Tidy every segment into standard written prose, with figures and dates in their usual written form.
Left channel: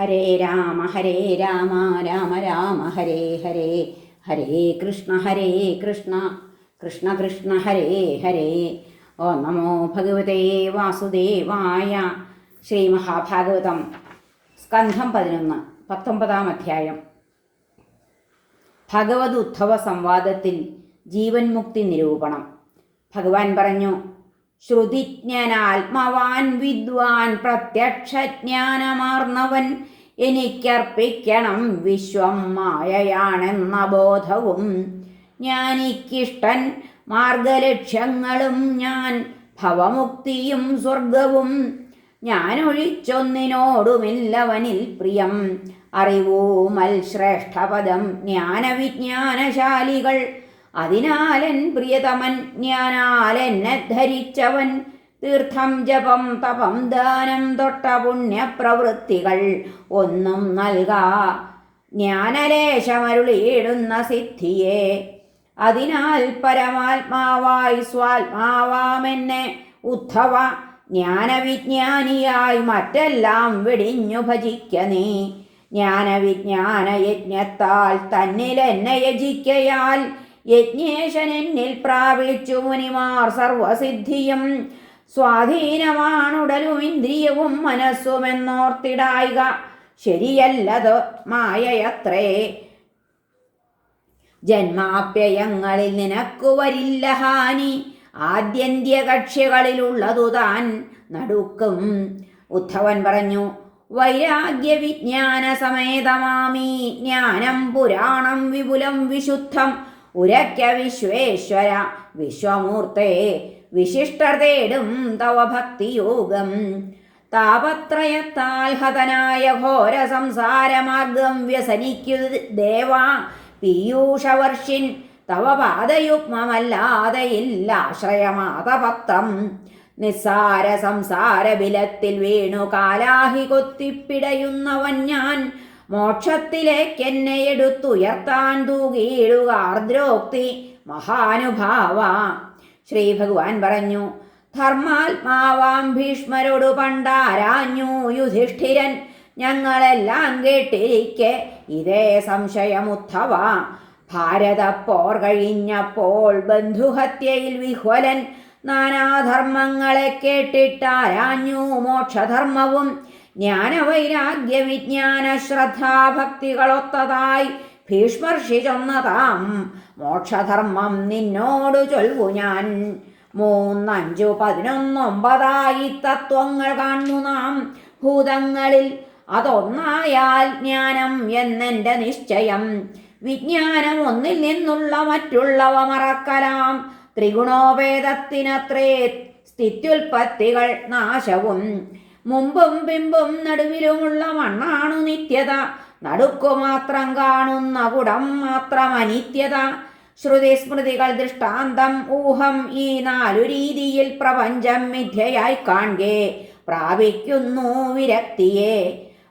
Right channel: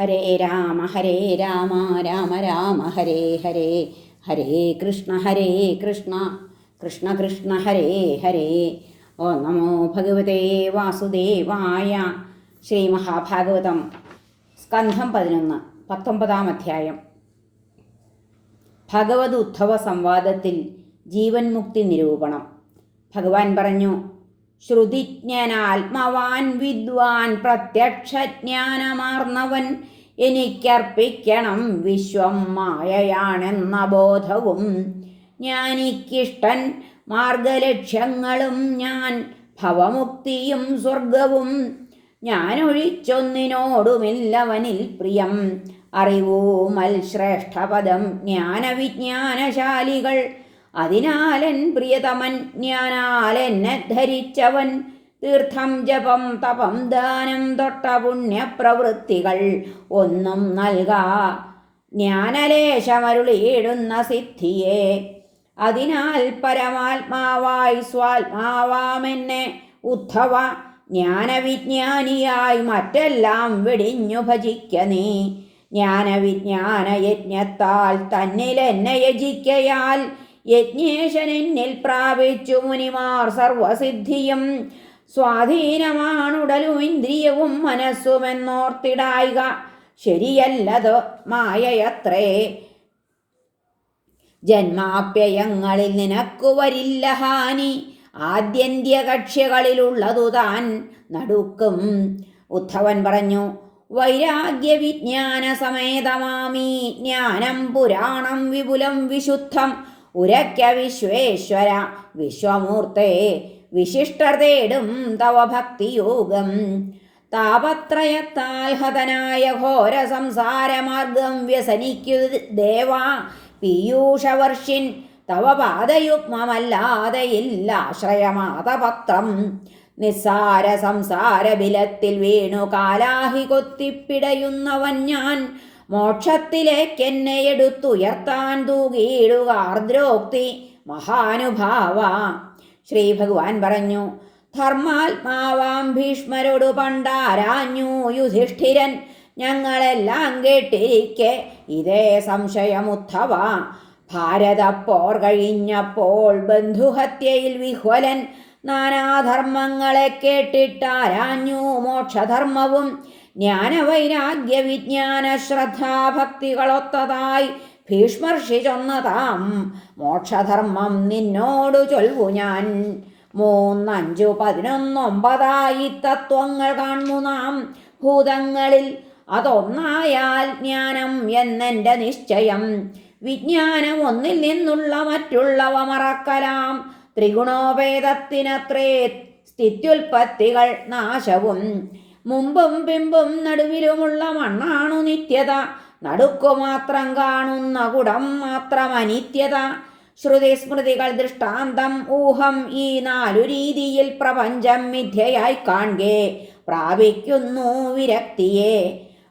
ഹരേ രാമ രാമ രാമ ഹരേ ഹരേ, ഹരേ കൃഷ്ണ കൃഷ്ണ കൃഷ്ണ ഹരേ ഹരേ. ഓം നമോ ഭഗവതേ വാസുദേവായ. ശ്രീ മഹാഭാഗവതം സ്കന്ധം 11 19-ാം അധ്യായം. ഭഗവത് ഉദ്ധവ സംവാദത്തിൽ ജീവൻ മുക്തി നിരൂപണം. ഭഗവാൻ പറഞ്ഞു, ശ്രുതിജ്ഞനാത്മവാൻ വിദ്വാൻ പ്രത്യക്ഷജ്ഞാനമാർന്നവൻ എനിക്കർപ്പിക്കണം വിശ്വം മായയാണെന്ന ബോധവും. ജ്ഞാനിക്കിഷ്ടൻ മാർഗലക്ഷ്യങ്ങളും ഞാൻ ഭവമുക്തിയും സ്വർഗവും. ഞാനൊഴിച്ചൊന്നിനോടുമില്ലവനിൽ പ്രിയം അറിവൂമൽ ശ്രേഷ്ഠപദം ജ്ഞാനവിജ്ഞാനശാലികൾ. അതിനാലൻ പ്രിയതമൻ ജ്ഞാനാലെന്നെ ധരിച്ചവൻ. തീർത്ഥം ജപം തപം ദാനം തൊട്ട പുണ്യപ്രവൃത്തികൾ ഒന്നും നൽകാ ജ്ഞാനലേശമരുളിയിടുന്ന സിദ്ധിയെ. അതിനാൽ പരമാത്മാവായി സ്വാത്മാവാമെന്നെ ഉദ്ധവ ജ്ഞാനവിജ്ഞാനിയായി മറ്റെല്ലാം വെടിഞ്ഞു ഭജിക്ക നീ. ജ്ഞാനവിജ്ഞാന യജ്ഞത്താൽ തന്നിലെന്നെ യജിക്കയാൽ യജ്ഞേശൻ എന്നിൽ പ്രാപിച്ചു മുനിമാർ സർവസിദ്ധിയും. സ്വാധീനമാണുടലും ഇന്ദ്രിയവും മനസ്സുമെന്നോർത്തിടായിക. ശരിയല്ലത് മായയത്രേ. ജന്മാപ്യയങ്ങളിൽ നിനക്കു വരില്ല ഹാനി. ആദ്യന്ത്യ കക്ഷികളിലുള്ളതു താൻ നടുക്കും. ഉദ്ധവൻ പറഞ്ഞു, വൈരാഗ്യ വിജ്ഞാന സമേതമാമീ ജ്ഞാനം പുരാണം വിപുലം വിശുദ്ധം. ഉരയ്ക്ക വിശ്വേശ്വര വിശ്വമൂർത്തേ വിശിഷ്ടർ തേടും തവ ഭക്തിയോഗം. താപത്രയത്താൽ ഹതനായ ഘോര സംസാരമാർഗം വ്യസനിക്കു ദേവാ പീയൂഷവർഷിൻ. തവ പാദയുഗ്മമല്ലാതെയില്ലാശ്രയമാതപത്രം. നിസ്സാര സംസാര ബിലത്തിൽ വീണു കാലാഹി കൊത്തിപ്പിടയുന്നവൻ ഞാൻ. മോക്ഷത്തിലേക്കെന്നെ എടുത്തുയർത്താൻ തൂകിയിടുക ആർദ്രോക്തി മഹാനുഭാവ. ശ്രീ ഭഗവാൻ പറഞ്ഞു, ധർമാത്മാവാം ഭീഷ്മരോട് പണ്ടാരാഞ്ഞു യുധിഷ്ഠിരൻ. ഞങ്ങളെല്ലാം കേട്ടിരിക്കെ ഇതേ സംശയമുദ്ധവ. ഭാരതപ്പോർ കഴിഞ്ഞപ്പോൾ ബന്ധുഹത്യയിൽ വിഹ്വലൻ നാനാധർമ്മങ്ങളെ കേട്ടിട്ടാരാഞ്ഞു മോക്ഷധർമ്മവും. ജ്ഞാനവൈരാഗ്യ വിജ്ഞാന ശ്രദ്ധാഭക്തികളൊത്തതായി ഭീഷ്മർഷി ചൊന്നതാം മോക്ഷധർമ്മം നിന്നോടു ചൊൽവു ഞാൻ. 3, 5, 11, 9 തത്വങ്ങൾ കാണുന്നു നാം ഭൂതങ്ങളിൽ. അതൊന്നായാൽ ജ്ഞാനം എന്നെൻ്റെ നിശ്ചയം. വിജ്ഞാനം ഒന്നിൽ നിന്നുള്ള മറ്റുള്ളവ മറക്കലാം. ത്രിഗുണോപേതത്തിനത്രേ സ്ഥിത്യുൽപത്തികൾ നാശവും. മുമ്പും പിമ്പും നടുവിലുമുള്ള മണ്ണാണു നിത്യത. നടുക്കുമാത്രം കാണുന്ന കുടം മാത്രം അനിത്യത. ശ്രുതി സ്മൃതികൾ ദൃഷ്ടാന്തം ഊഹം ഈ 4 രീതിയിൽ പ്രപഞ്ചം മിഥ്യയായി കാൺകെ പ്രാപിക്കുന്നു വിരക്തിയെ.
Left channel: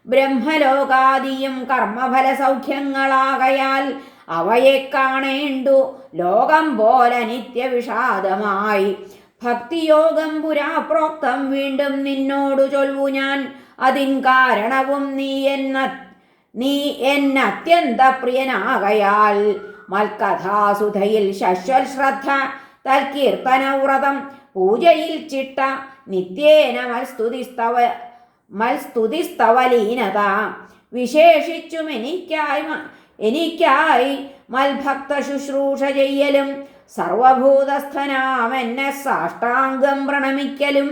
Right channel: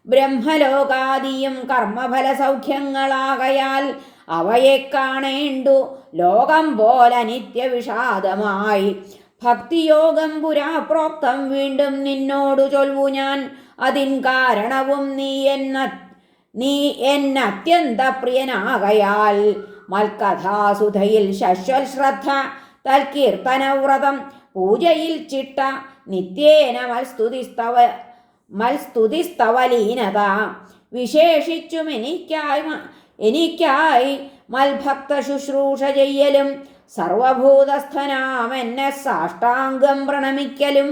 ബ്രഹ്മലോകാദിയും കർമ്മഫല സൗഖ്യങ്ങളാകയാൽ അവയെ കാണേണ്ടു ലോകം പോലെ നിത്യവിഷാദമായി. ഭക്തിയോഗം പുരാ പ്രോക്തം വീണ്ടും നിന്നോടു ചൊൽവു ഞാൻ. അതിൻ കാരണവും നീ എന്നത്യന്ത പ്രിയനാകയാൽ. മൽക്കഥാസുധയിൽ ശശ്വൽ ശ്രദ്ധ തൽകീർത്തനവ്രതം പൂജയിൽ ചിട്ട നിത്യേന മൽസ്തുതിസ്തവലീനത. വിശേഷിച്ചും എനിക്കായി മൽഭക്ത ശുശ്രൂഷ ചെയ്യലും സർവഭൂതസ്ഥനാമെന്നെ സാഷ്ടാംഗം പ്രണമിക്കലും.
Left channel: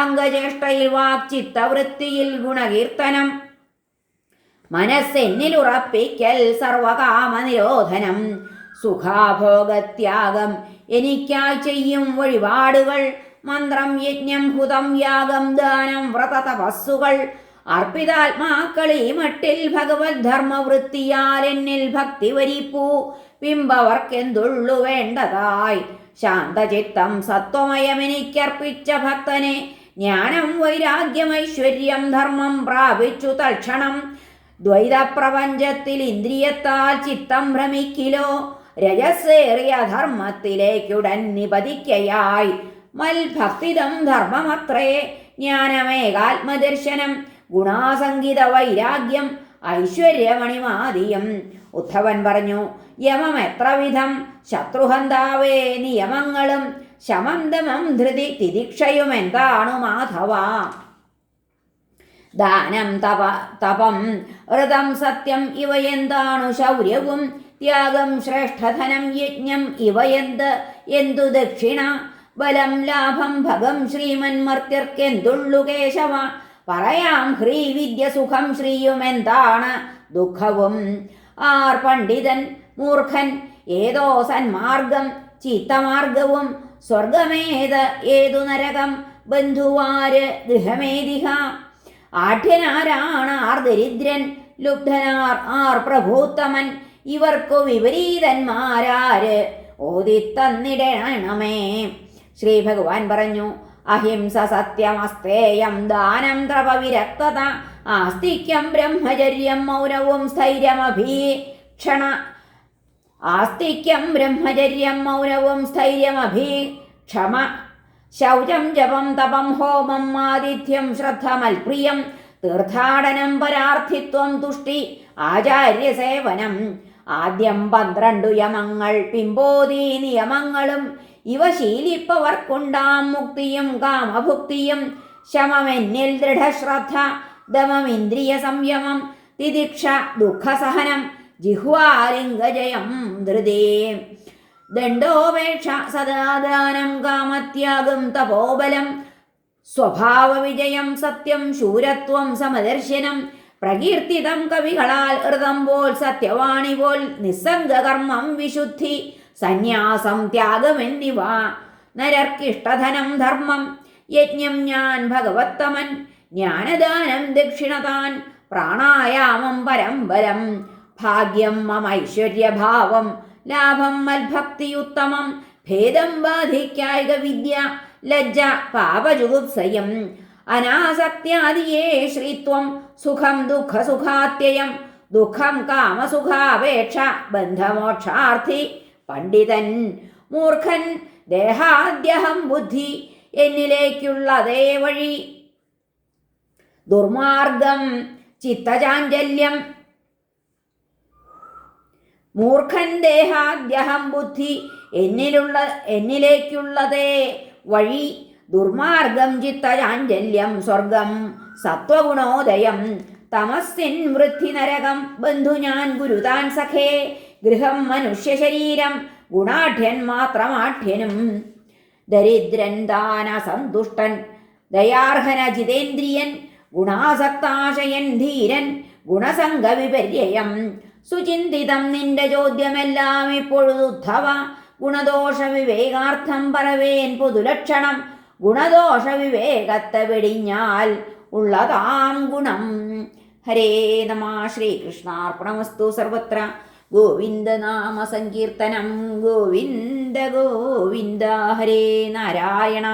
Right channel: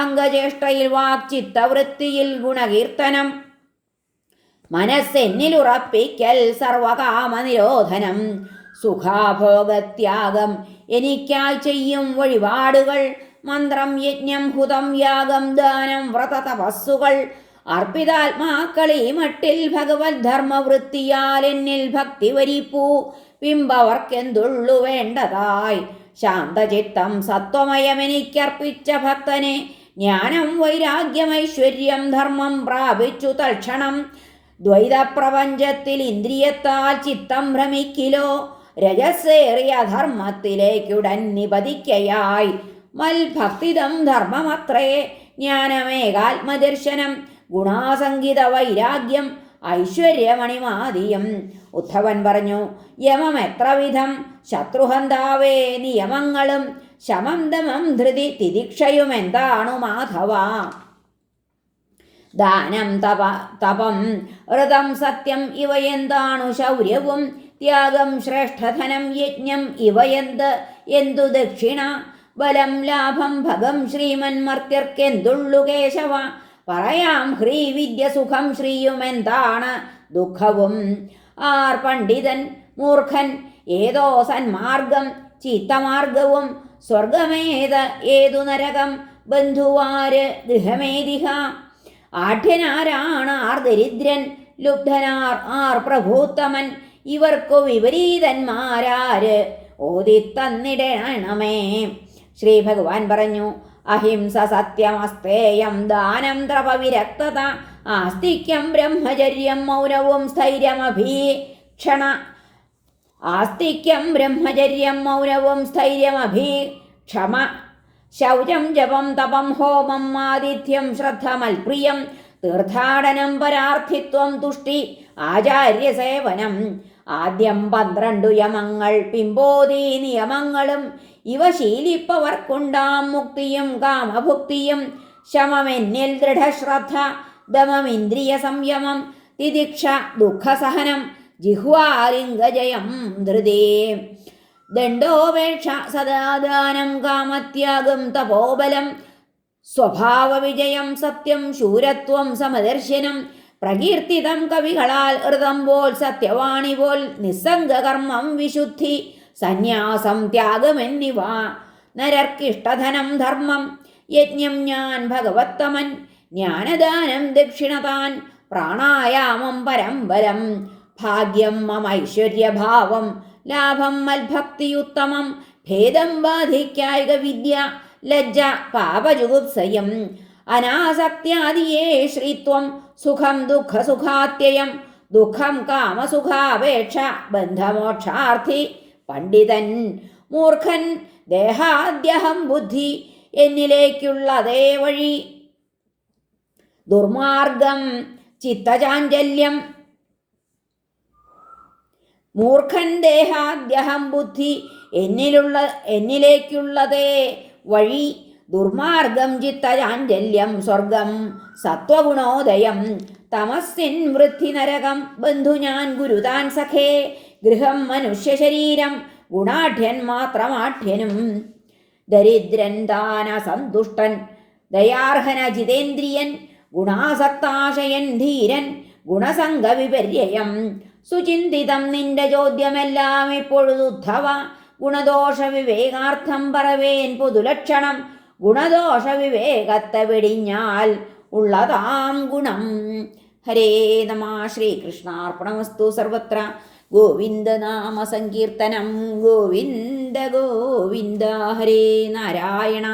അംഗചേഷ്ടയിൽ വാക്ചിത്തവൃത്തിയിൽ ഗുണകീർത്തനം മനസ്സെന്നിലുറപ്പിക്കൽ സർവകാമനിരോധനം. സുഖാഭോഗത്യാഗം എനിക്കായി ചെയ്യും വഴിപാടുകൾ. മന്ത്രം യജ്ഞം ഹുതം യാഗം ദാനം വ്രത തപസ്സുകൾ. അർപ്പിതാത്മാക്കളീ മട്ടിൽ ഭഗവത് ധർമ്മവൃത്തിയാൽ എന്നിൽ ഭക്തി വരിപ്പൂ. പിമ്പവർക്കെന്തുള്ളു വേണ്ടതായി ശാന്തചിത്തം സത്വമയമെനിക്കർപ്പിച്ച ഭക്തനെ. ജ്ഞാനം വൈരാഗ്യം ഐശ്വര്യം ധർമ്മം പ്രാപിച്ചു തൽക്ഷണം. ദ്വൈതപ്രപഞ്ചത്തിൽ ഇന്ദ്രിയത്താൽ ചിത്തം ഭ്രമിക്കിലോ. രജസ്സേറിയ ധർമ്മത്തിലേക്കുടൻ നിപതിക്കയായി. മൽഭക്തിദം ധർമ്മമത്രേ ജ്ഞാനമേകാത്മദർശനം. ഗുണാസംഗീത വൈരാഗ്യം ഐശ്വര്യമണിമാദിയം. ഉദ്ധവൻ പറഞ്ഞു, യമം എത്ര വിധം ശത്രുഹന്താവേ നിയമങ്ങളും ശമം ദമം ധൃതി തിദിക്ഷയുമെന്താണു മാധവ. ദാനം തപം വ്രതം സത്യം ഇവയെന്താണു ശൗര്യവും ത്യാഗം ശ്രേഷ്ഠധനം യജ്ഞം എന്തു ദക്ഷിണ. ബലം ലാഭം ഭഗം ശ്രീമന്മർത്യർക്കെന്തുള്ളു കേശവ. പറയാം ഹ്രീവിദ്യ സുഖം ശ്രീയുമെന്താണ് ദുഃഖവും. ആർ പണ്ഡിതൻ മൂർഖൻ ഏതോ സന്മാർഗം ചീത്തമാർഗവും ഏതു നരകം ബന്ധുവാര് ഗൃഹമേദിഹ. ആഢ്യനാരാണ് ആർ ദരിദ്രൻ ലുബ്ധനാർ ആർ പ്രഭൂത്തമൻ ഇവർക്കു വിപരീതന്മാരാര് ഓതിത്തന്നിടണമേ. ശ്രീ ഭഗവാൻ പറഞ്ഞു, അഹിംസ സത്യമസ്തേയം ദാനം തപവിരക്തത ആസ്തിക്യം ബ്രഹ്മചര്യം മൗനവും സ്ഥൈര്യമഭീക്ഷണ. ക്ഷമ ശൗചം ജപം തപം ഹോമം ആതിഥ്യം ശ്രദ്ധമൽപ്രിയം തീർത്ഥാടനം പരാർത്ഥിത്വം തുഷ്ടി ആചാര്യസേവനം. ആദ്യം 12 യമങ്ങൾ പിമ്പോതി നിയമങ്ങളും ഇവ ശീലിപ്പവർക്കുണ്ടാം മുക്തിയും കാമഭുക്തിയും. ശമമെന്നിൽ ദൃഢശ്രദ്ധ ദമമിന്ദ്രിയ സംയമം തിദിക്ഷ ദുഃഖസഹനം ജിഹ്വാലിംഗജയം ധൃതി. ദണ്ഡോപേക്ഷ സദാദാനം കാമത്യാഗം തപോബലം സ്വഭാവവിജയം സത്യം ശൂരത്വം സമദർശനം. പ്രകീർത്തിതം കവികളാൽ ഋതം പോൽ സത്യവാണി പോൽ നിസ്സംഗകർമ്മം വിശുദ്ധി സന്യാസം ത്യാഗമെന്നിവ. നരർക്കിഷ്ടധനം ധർമ്മം യജ്ഞം ഞാൻ ഭഗവത്തമൻ ജ്ഞാനദാനം ദക്ഷിണതാൻ പ്രാണായാമം പരംബലം. ഭാഗ്യം മമൈശ്വര്യഭാവം ലാഭം മൽഭക്തിയുത്തമം ഭേദം ബാധിക്കായിക വിദ്യ ലജ്ജ പാപജുഗുപ്സയം. അനാസക്ത്യാദിയേ ശ്രീത്വം സുഖം ദുഃഖസുഖാത്യയം ദുഃഖം കാമസുഖാപേക്ഷ ബന്ധമോക്ഷാർത്ഥി. പണ്ഡിതൻ മൂർഖൻ ദേഹാദ്യഹം ബുദ്ധി എന്നിലേക്കുള്ളതേ വഴി. ദുർമാർഗം ചിത്തചാഞ്ചല്യം. മൂർഖൻ ദേഹാദ്യഹം ബുദ്ധി എന്നിലേക്കുള്ളതേ വഴി. ദുർമാർഗം ചിത്തചാഞ്ചല്യം സ്വർഗം സത്വഗുണോദയം. തമസ്സിൻ വൃദ്ധി നരകം ബന്ധു ഞാൻ ഗുരുതാൻ സഖേ. ഗൃഹം മനുഷ്യശരീരം ഗുണാഢ്യൻ മാത്രമാഢ്യനും. ദരിദ്രൻ ദാന സന്തുഷ്ടൻ ദയാർഹന ജിതേന്ദ്രിയൻ ഗുണാസക്താശയൻ ധീരൻ ഗുണസംഗവിപര്യം. സുചിന്തിതം നിന്റെ ചോദ്യമെല്ലാം ഇപ്പൊഴുതുദ്ധവ. ഗുണദോഷ വിവേകാർത്ഥം പറവേൻ പൊതുലക്ഷണം. ഗുണദോഷ വിവേകത്തെ വെടിഞ്ഞാൽ ഉള്ളതാം ഗുണം. ഹരേ നമ. ശ്രീകൃഷ്ണാർപ്പണമസ്തു. സർവത്ര ഗോവിന്ദനാമ സങ്കീർത്തനം. ഗോവിന്ദ ഗോവിന്ദ. ഹരേ നാരായണ.